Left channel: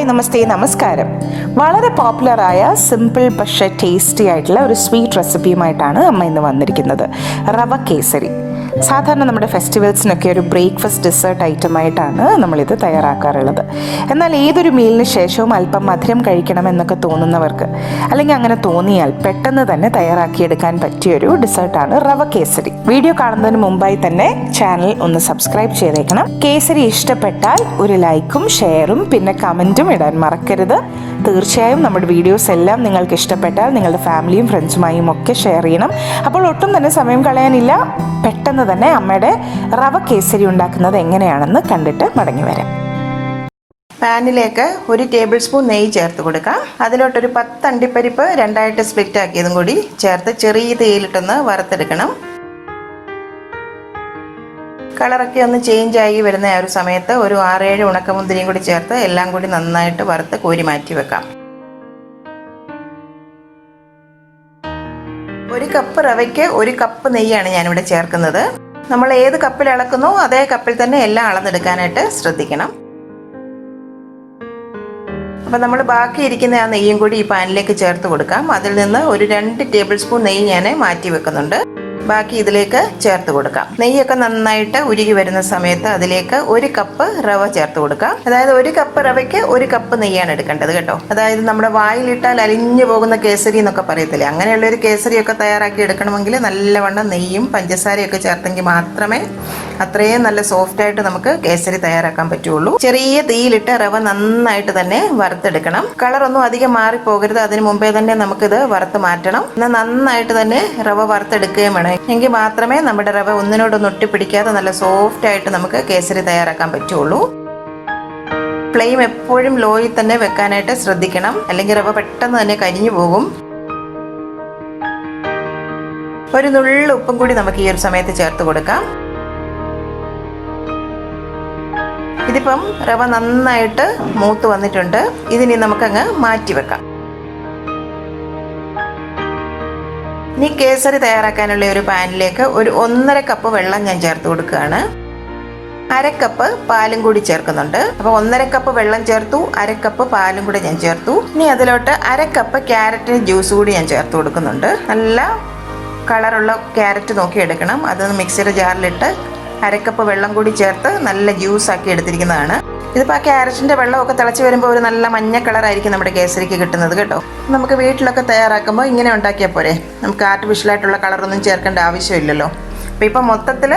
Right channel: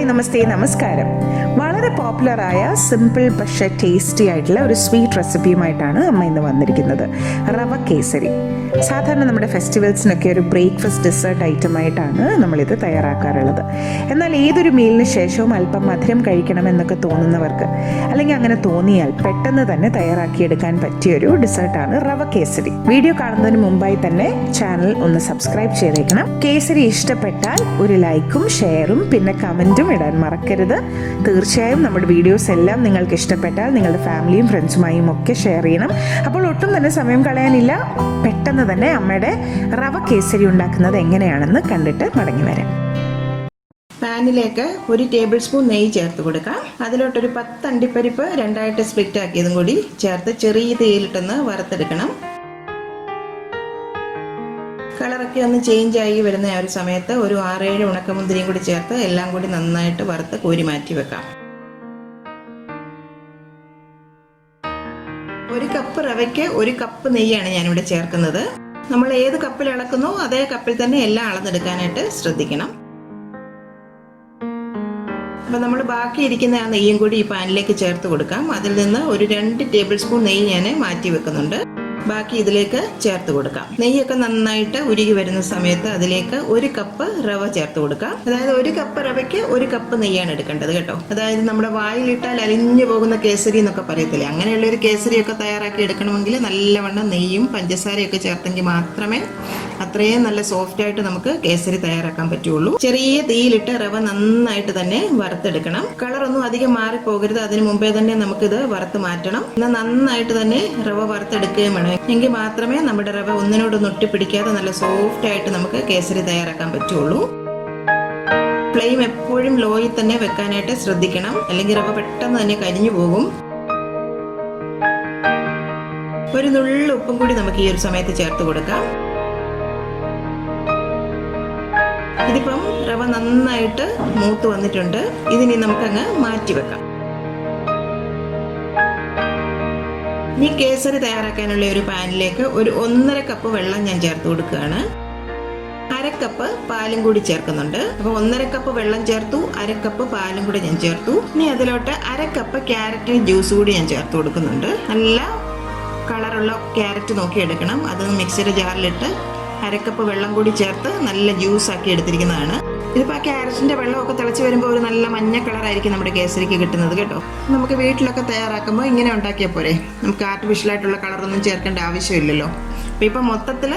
Hi നമസ്തേ നമസ്കാരം. വളരെ പോപ്പുലറായ simple പക്ഷേ ടേസ്റ്റി ആയിട്ടുള്ള ഒരു സ്വീറ്റ് റെസിപ്പിയുമായിട്ടാണ് അമ്മ ഇന്ന് വന്നിരിക്കുന്നത്. റവ കേസരി. സാധാരണ നമ്മുടെ ഫെസ്റ്റിവൽസിനൊക്കെ ഒരു ബ്രേക്ക്ഫാസ്റ്റ് ഡെസേർട്ട് ഐറ്റമായിട്ടാണ് നമ്മളിത് തയ്യാറാക്കാറുള്ളത്. എന്നാൽ ഏതൊരു മീലിന് ശേഷവും അല്പം മധുരം കഴിക്കണമെന്നൊക്കെ തോന്നുന്നവർക്ക്, അല്ലെങ്കിൽ അങ്ങനെ തോന്നിയാൽ പെട്ടെന്ന് തന്നെ തയ്യാറാക്കിയെടുക്കാൻ പറ്റിയൊരു ഡെസേർട്ടാണ് റവ കേസരി. വീഡിയോ കാണുന്നതിന് മുമ്പായി തന്നെ ചാനൽ ഒന്ന് സബ്സ്ക്രൈബ് ചെയ്തേക്കണം. കേസരി ഇഷ്ടപ്പെട്ടാൽ ഒരു ലൈക്കും ഷെയറും പിന്നെ കമൻറ്റും ഇടാൻ മറക്കരുത്. തീർച്ചയായും നമ്മുടെ വീഡിയോസ് എല്ലാം നിങ്ങൾക്ക് ഇഷ്ടപ്പെട്ടാൽ നിങ്ങളുടെ ഫാമിലിയും ഫ്രണ്ട്സുമായും ഒക്കെ ഷെയർ ചെയ്യണം. അപ്പോൾ ഒട്ടും തന്നെ സമയം കളയാനില്ല, പെട്ടെന്ന് തന്നെ അമ്മയുടെ റവ കേസരി ഉണ്ടാക്കുന്നത് എങ്ങനെയാണെന്ന് കണ്ടിട്ട് മടങ്ങി വരാം. പാനിലേക്ക് 1 ടേബിൾ സ്പൂൺ നെയ്യ് ചേർത്ത് കൊടുക്കാം. അതിലോട്ടൊരു 10 അണ്ടിപ്പരിപ്പ് രണ്ടായിട്ട് സ്പ്ലിറ്റ് ആക്കിയതും കൂടി ചേർത്ത് ചെറിയ തീയിലിട്ടൊന്ന് വറുത്തെടുക്കണം. കളറൊക്കെ ഒന്ന് ചേഞ്ച് ആയി വരുന്ന ആ ഒരു സമയത്ത് ഒരു 6-7 ഉണക്കമുന്തിരിയും കൂടി ചേർത്ത് എല്ലാം കൂടി നന്നായിട്ട് വറുത്ത് കോരി മാറ്റി വെക്കാം. 1 കപ്പ് റവയ്ക്ക് 1 കപ്പ് നെയ്യാണ് ഞാനിവിടെ ചേർക്കുന്നത്. നമ്മൾ ഏത് കപ്പിൽ അളക്കുന്നോ അതേ കപ്പിൽ തന്നെ എല്ലാം അളന്നെടുക്കാനായിട്ട് ശ്രദ്ധിക്കണം. അപ്പം നമ്മൾ ബാക്കിയിരിക്കുന്ന ആ നെയ്യും കൂടി ഈ പാനിലേക്ക് ചേർത്ത് കൊടുക്കാം. അതിൽ നിന്ന് ഒരു 2 ടേബിൾ സ്പൂൺ നെയ്യ് ഞാൻ മാറ്റി വെക്കുന്നുണ്ട്. ബാക്കി ഇതിലേക്ക് ചേർത്ത് കൊടുക്കാം. നെയ്യൊക്കെ നന്നായിട്ട് ഉരുകി വരുന്ന സമയത്ത് അതിലേക്ക് 1 കപ്പ് റവ ചേർത്ത് കൊടുക്കാം. അതായത് 1 കപ്പ് റവയ്ക്ക് 1 കപ്പ് നെയ്യാണ് എടുക്കേണ്ടത് കേട്ടോ. അതായത് നമ്മുടെ വായിലിട്ടാൽ അലിഞ്ഞു പോകുന്ന കേസരി എന്നൊക്കെ പറയത്തില്ലേ, അങ്ങനെയുള്ള ഒരു കേസരിയൊക്കെ തയ്യാറാക്കി എടുക്കണമെങ്കിൽ നല്ലവണ്ണം നെയ്യും പഞ്ചസാരയൊക്കെ ചേർത്തെങ്കിൽ മാത്രമേ അത്രയും നല്ല സോഫ്റ്റ് ആയിട്ട് നമുക്ക് കേസരി തയ്യാറാക്കാൻ പറ്റുള്ളൂ. ചെറിയ തീയിലിട്ട് റവ നന്നായിട്ട് തന്നെ വറുത്തെടുക്കണം. കളറൊന്നും അധികം മാറിപ്പോകരുത്. അതിന് മുമ്പേ തന്നെ നമുക്കിത് വറുത്ത് മാറ്റണം. എന്നാൽ നന്നായിട്ട് തന്നെ റവ വറുത്തെടുക്കുകയും വേണം. എങ്കിൽ മാത്രമേ നമ്മുടെ റവ ഒന്നിനോടൊന്നും ഒട്ടിപ്പിടിക്കാതെ നല്ല സോഫ്റ്റ് ആയിട്ട് നമുക്ക് കേസരി തയ്യാറാക്കാൻ പറ്റുള്ളൂ. ഫ്ലെയിം എപ്പോഴും ലോയിൽ തന്നെ വെക്കാനായിട്ട് ശ്രദ്ധിക്കണം, അല്ലെങ്കിൽ റവ പെട്ടെന്ന് തന്നെ കരിഞ്ഞു പോകും. ഒരു നുള്ളു ഉപ്പും കൂടി നമുക്ക് ഈ ഒരു സമയത്ത് ചേർത്ത് കൊടുക്കാം. ഇതിപ്പം റവ നന്നായിട്ട് മൂത്ത് വന്നിട്ടുണ്ട്. ഇതിനി നമുക്കങ്ങ് മാറ്റി വെക്കാം. ഇനി കേസരി തയ്യാറാക്കാനുള്ള ഒരു പാനിലേക്ക് ഒരു 1.5 കപ്പ് വെള്ളം ഞാൻ ചേർത്ത് കൊടുക്കുകയാണ്. 1/2 കപ്പ് പാലും കൂടി ചേർക്കുന്നുണ്ട്. അപ്പോൾ 1.5 കപ്പ് വെള്ളം ചേർത്തു, 1/2 കപ്പ് പാലും കൂടി ഞാൻ ചേർത്തു. ഇനി അതിലോട്ട് 1/2 കപ്പ് ക്യാരറ്റ് ജ്യൂസ് കൂടി ഞാൻ ചേർത്ത് കൊടുക്കുന്നുണ്ട്. നല്ല കളറുള്ള ക്യാരറ്റ് നോക്കി എടുക്കണം. അത് മിക്സിയുടെ ജാറിലിട്ട് 1/2 കപ്പ് വെള്ളം കൂടി ചേർത്ത് നല്ല ജ്യൂസ് ആക്കി എടുത്തിരിക്കുന്നതാണ്. ഇതിപ്പോൾ ആ ക്യാരറ്റിൻ്റെ വെള്ളമൊക്കെ തിളച്ച് വരുമ്പോൾ ഒരു നല്ല മഞ്ഞ കളറായിരിക്കും നമ്മുടെ കേസരിക്ക് കിട്ടുന്നത് കേട്ടോ. നമുക്ക് വീട്ടിലൊക്കെ തയ്യാറാക്കുമ്പോൾ ഇങ്ങനെ ഉണ്ടാക്കിയാൽ പോരെ, നമുക്ക് ആർട്ടിഫിഷ്യലായിട്ടുള്ള കളറൊന്നും ചേർക്കേണ്ട ആവശ്യമില്ലല്ലോ. അപ്പോൾ ഇപ്പോൾ മൊത്തത്തിൽ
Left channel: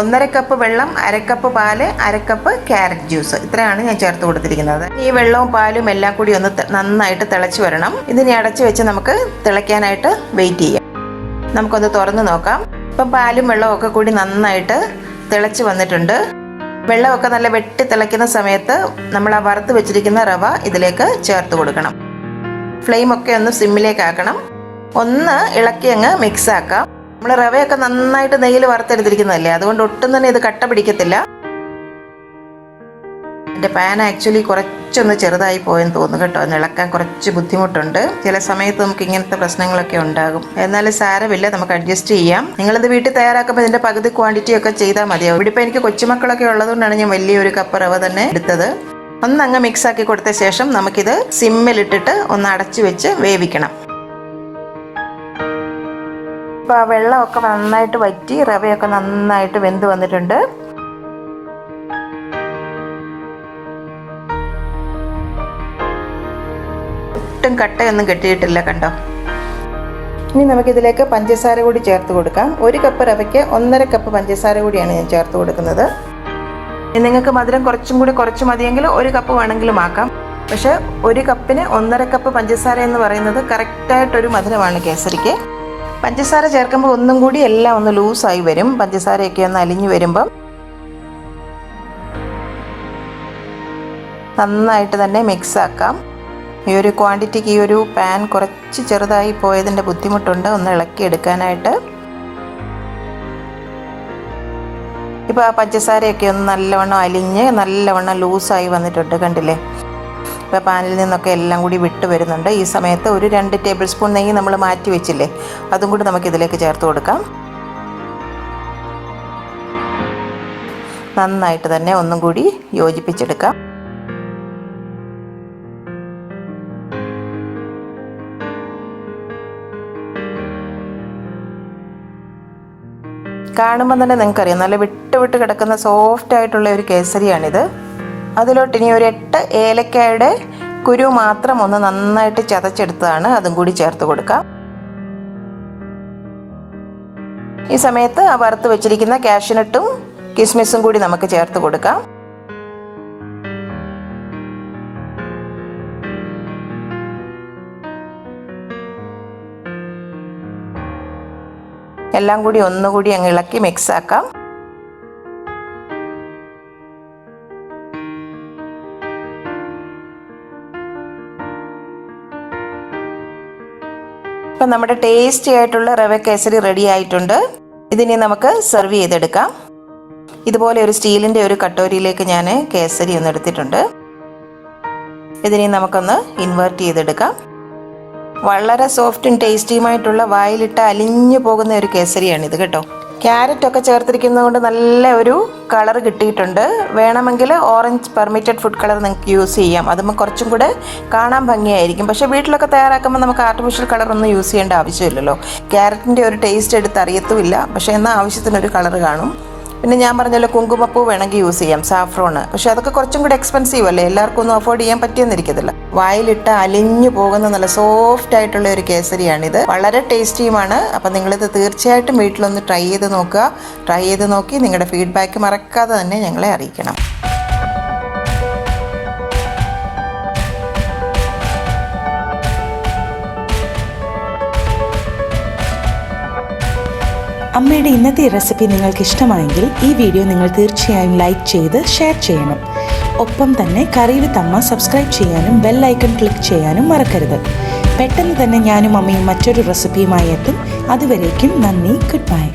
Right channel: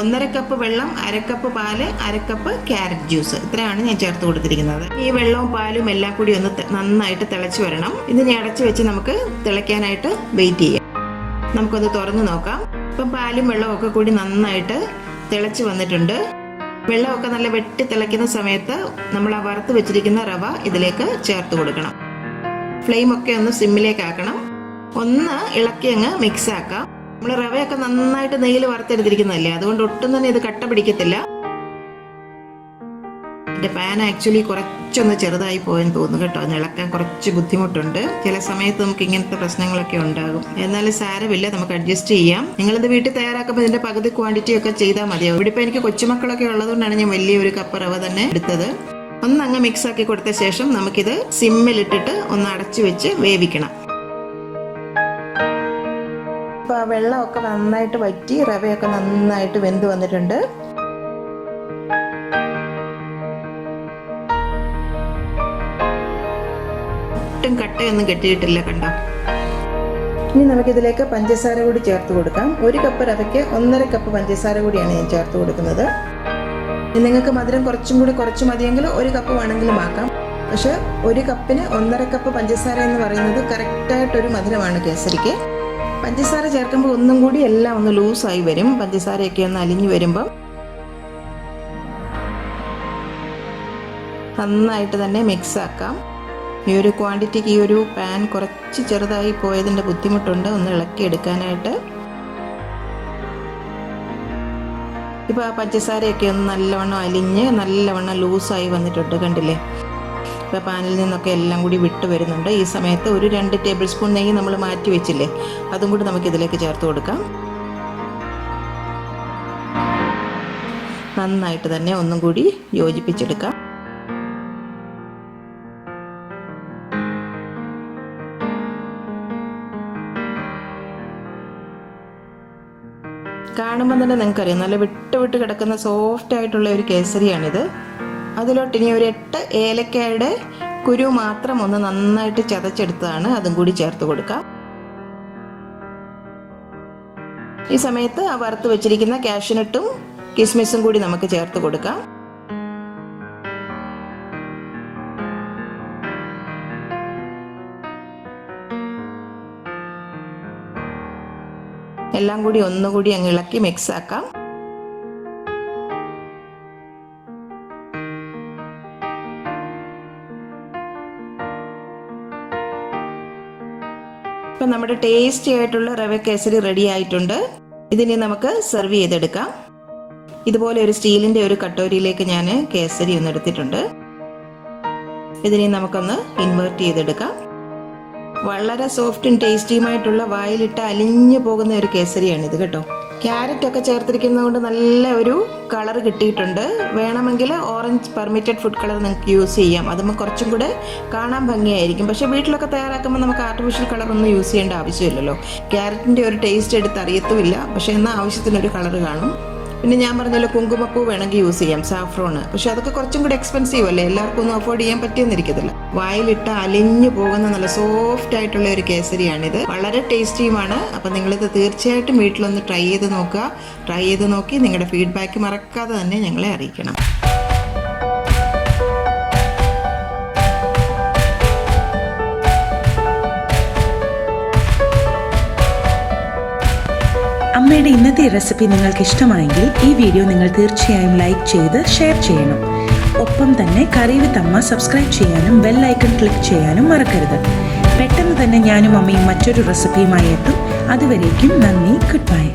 1.5 കപ്പ് വെള്ളം, 1/2 കപ്പ് പാല്, 1/2 കപ്പ് ക്യാരറ്റ് ജ്യൂസ്, ഇത്രയാണ് ഞാൻ ചേർത്ത് കൊടുത്തിരിക്കുന്നത്. ഈ വെള്ളവും പാലും എല്ലാം കൂടി ഒന്ന് നന്നായിട്ട് തിളച്ച് വരണം. ഇതിനെ അടച്ച് വെച്ച് നമുക്ക് തിളയ്ക്കാനായിട്ട് വെയിറ്റ് ചെയ്യാം. നമുക്കൊന്ന് തുറന്ന് നോക്കാം. ഇപ്പം പാലും വെള്ളവും ഒക്കെ കൂടി നന്നായിട്ട് തിളച്ച് വന്നിട്ടുണ്ട്. വെള്ളമൊക്കെ നല്ല വെട്ടി തിളയ്ക്കുന്ന സമയത്ത് നമ്മൾ ആ വറുത്ത് വെച്ചിരിക്കുന്ന റവ ഇതിലേക്ക് ചേർത്ത് കൊടുക്കണം. ഫ്ലെയിമൊക്കെ ഒന്ന് സിമ്മിലേക്ക് ആക്കണം. ഒന്ന് ഇളക്കി അങ്ങ് മിക്സ് ആക്കാം. നമ്മൾ റവയൊക്കെ നന്നായിട്ട് നെയ്യിൽ വറുത്തെടുത്തിരിക്കുന്നതല്ലേ, അതുകൊണ്ട് ഒട്ടും തന്നെ ഇത് കട്ട പിടിക്കത്തില്ല. എൻ്റെ പാൻ ആക്ച്വലി കുറച്ചൊന്ന് ചെറുതായി പോയെന്ന് തോന്നുന്നു കേട്ടോ. ഒന്ന് ഇളക്കാൻ കുറച്ച് ബുദ്ധിമുട്ടുണ്ട്. ചില സമയത്ത് നമുക്ക് ഇങ്ങനത്തെ പ്രശ്നങ്ങളൊക്കെ ഉണ്ടാകും. എന്നാലും സാരമില്ല, നമുക്ക് അഡ്ജസ്റ്റ് ചെയ്യാം. നിങ്ങളിത് വീട്ടിൽ തയ്യാറാക്കുമ്പോൾ ഇതിൻ്റെ പകുതി ക്വാണ്ടിറ്റി ഒക്കെ ചെയ്താൽ മതിയാവും. ഇവിടെ ഇപ്പോൾ എനിക്ക് കൊച്ചുമക്കളൊക്കെ ഉള്ളതുകൊണ്ടാണ് ഞാൻ വലിയൊരു കപ്പ് റവ തന്നെ എടുത്തത്. ഒന്നങ്ങ് മിക്സ് ആക്കി കൊടുത്ത ശേഷം നമുക്കിത് സിമ്മിലിട്ടിട്ട് ഒന്ന് അടച്ചു വെച്ച് വേവിക്കണം. ഇപ്പോൾ ആ വെള്ളമൊക്കെ നന്നായിട്ട് വറ്റി റവയൊക്കെ നന്നായിട്ട് വെന്ത് വന്നിട്ടുണ്ട്. ഒട്ടും കട്ടയൊന്നും കെട്ടിയിട്ടില്ല കണ്ടോ. ഇനി നമുക്കിതിലേക്ക് പഞ്ചസാര കൂടി ചേർത്ത് കൊടുക്കാം. 1 കപ്പ് റവയ്ക്ക് 1.5 കപ്പ് പഞ്ചസാര കൂടിയാണ് ഞാൻ ചേർത്ത് കൊടുക്കുന്നത്. നിങ്ങൾക്ക് മധുരം കുറച്ച് മതിയെങ്കിൽ 1 കപ്പ് വേണമെങ്കിലും ആക്കാം. പക്ഷേ 1 കപ്പിന് 1.5 കപ്പ് പഞ്ചസാര എന്ന് പറയുന്നത് കറക്റ്റായിട്ടൊരു മധുരമാണ് കേസരിക്ക്. പഞ്ചസാര ചേർക്കുമ്പോൾ ഒന്നും കൂടി എല്ലാം ഒന്ന് ലൂസായി വരും. പഞ്ചസാരയൊക്കെ ഒന്ന് അലിഞ്ഞു വരുമ്പം നന്നായിട്ട് തന്നെ മിക്സ് ആക്കാം. ഈ ഒരു ക്വാണ്ടിറ്റിക്ക് ഈ ഒരു പാൻ കുറച്ച് ചെറുതായി പോയതിൻ്റെ ബുദ്ധിമുട്ടുണ്ട് ഒന്ന് ഇളക്കിയെടുക്കാനായിട്ട്. ഇപ്പോൾ ആ പഞ്ചസാരയൊക്കെ ഒന്ന് നല്ലവണ്ണം അലിഞ്ഞ് നല്ലവണ്ണം ലൂസായി വന്നിട്ടുണ്ട് കണ്ടില്ലേ. ഇപ്പോൾ പാനിൽ നിന്നൊക്കെ എല്ലാം കൂടി വിട്ട് വരുന്നുണ്ട്. ഈ സമയത്ത് ഒരു 2 ടേബിൾ സ്പൂൺ നെയ്യ് നമ്മൾ മാറ്റി വെച്ചില്ലേ, അതും കൂടി നമുക്കിതിലേക്ക് ചേർത്ത് കൊടുക്കാം. നന്നായിട്ട് തന്നെ ഒന്നും കൂടി യോജിപ്പിച്ചെടുക്കാം. കാണുമ്പോൾ തന്നെ നിങ്ങൾക്കറിയാം നല്ല വിട്ട് കിടക്കുന്ന സോഫ്റ്റ് ആയിട്ടുള്ള ഒരു കേസരിയാണിത്. അതിലോട്ട് ഇനി ഒരു 8 ഏലക്കായുടെ കുരു മാത്രം ഒന്ന് നന്നായിട്ട് ചതച്ചെടുത്തതാണ്, അതും കൂടി ചേർത്ത് കൊടുക്കാം. ഈ സമയത്ത് ആ വറുത്ത് വെച്ചിരിക്കുന്ന കാഷ്യൂനട്ടും കിസ്മിസും കൂടി നമുക്ക് ചേർത്ത് കൊടുക്കാം. എല്ലാം കൂടി ഒന്നുകൂടി അങ്ങ് ഇളക്കി മിക്സ് ആക്കാം. ഇപ്പം നമ്മുടെ ടേസ്റ്റി ആയിട്ടുള്ള റവ കേസരി റെഡി ആയിട്ടുണ്ട്. ഇതിനെ നമുക്ക് സെർവ് ചെയ്തെടുക്കാം. ഇതുപോലെ ഒരു സ്റ്റീലിൻ്റെ ഒരു കട്ടോരിയിലേക്ക് ഞാൻ കേസരി ഒന്ന് എടുത്തിട്ടുണ്ട്. ഇതിനെ നമുക്കൊന്ന് ഇൻവേർട്ട് ചെയ്തെടുക്കാം. വളരെ സോഫ്റ്റും ടേസ്റ്റിയുമായിട്ടുള്ള വായിലിട്ട് അലിഞ്ഞു പോകുന്ന ഒരു കേസരിയാണിത് കേട്ടോ. ക്യാരറ്റൊക്കെ ചേർത്തിരിക്കുന്നത് കൊണ്ട് നല്ല ഒരു കളർ കിട്ടിയിട്ടുണ്ട്. വേണമെങ്കിൽ ഓറഞ്ച് പെർമിറ്റഡ് ഫുഡ് കളർ നിങ്ങൾക്ക് യൂസ് ചെയ്യാം, അതുമ്പോൾ കുറച്ചും കൂടെ കാണാൻ ഭംഗിയായിരിക്കും. പക്ഷേ വീട്ടിലൊക്കെ തയ്യാറാക്കുമ്പോൾ നമുക്ക് ആർട്ടിഫിഷ്യൽ കളറൊന്നും യൂസ് ചെയ്യേണ്ട ആവശ്യമില്ലല്ലോ. ക്യാരറ്റിൻ്റെ ഒരു ടേസ്റ്റ് എടുത്ത് അറിയത്തുമില്ല, പക്ഷേ എന്നാൽ ആവശ്യത്തിനൊരു കളർ കാണും. പിന്നെ ഞാൻ പറഞ്ഞല്ലോ കുങ്കുമപ്പൂ വേണമെങ്കിൽ യൂസ് ചെയ്യാം, സാഫ്രോണ്. പക്ഷെ അതൊക്കെ കുറച്ചും കൂടി എക്സ്പെൻസീവ് അല്ലേ, എല്ലാവർക്കും ഒന്നും അഫോർഡ് ചെയ്യാൻ പറ്റിയെന്നിരിക്കത്തില്ല. വായിലിട്ട് അലിഞ്ഞു പോകുന്ന നല്ല സോഫ്റ്റ് ആയിട്ടുള്ള ഒരു കേസരിയാണിത്. വളരെ ടേസ്റ്റിയുമാണ്. അപ്പം നിങ്ങളിത് തീർച്ചയായിട്ടും വീട്ടിലൊന്ന് ട്രൈ ചെയ്ത് നോക്കുക. ട്രൈ ചെയ്ത് നോക്കി നിങ്ങളുടെ ഫീഡ്ബാക്ക് മറക്കാതെ തന്നെ ഞങ്ങളെ അറിയിക്കണം. അമ്മയുടെ ഇന്നത്തെ റെസിപ്പി നിങ്ങൾക്ക് ഇഷ്ടമായെങ്കിൽ ഈ വീഡിയോ നിങ്ങൾ തീർച്ചയായും ലൈക്ക് ചെയ്ത് ഷെയർ ചെയ്യണം. ഒപ്പം തന്നെ കറി വിത്ത് അമ്മ സബ്സ്ക്രൈബ് ചെയ്യാനും ബെൽ ഐക്കൺ ക്ലിക്ക് ചെയ്യാനും മറക്കരുത്. പെട്ടെന്ന് തന്നെ ഞാനും അമ്മയും മറ്റൊരു റെസിപ്പിയുമായി എത്തും. അതുവരേക്കും നന്ദി, ഗുഡ് ബൈ.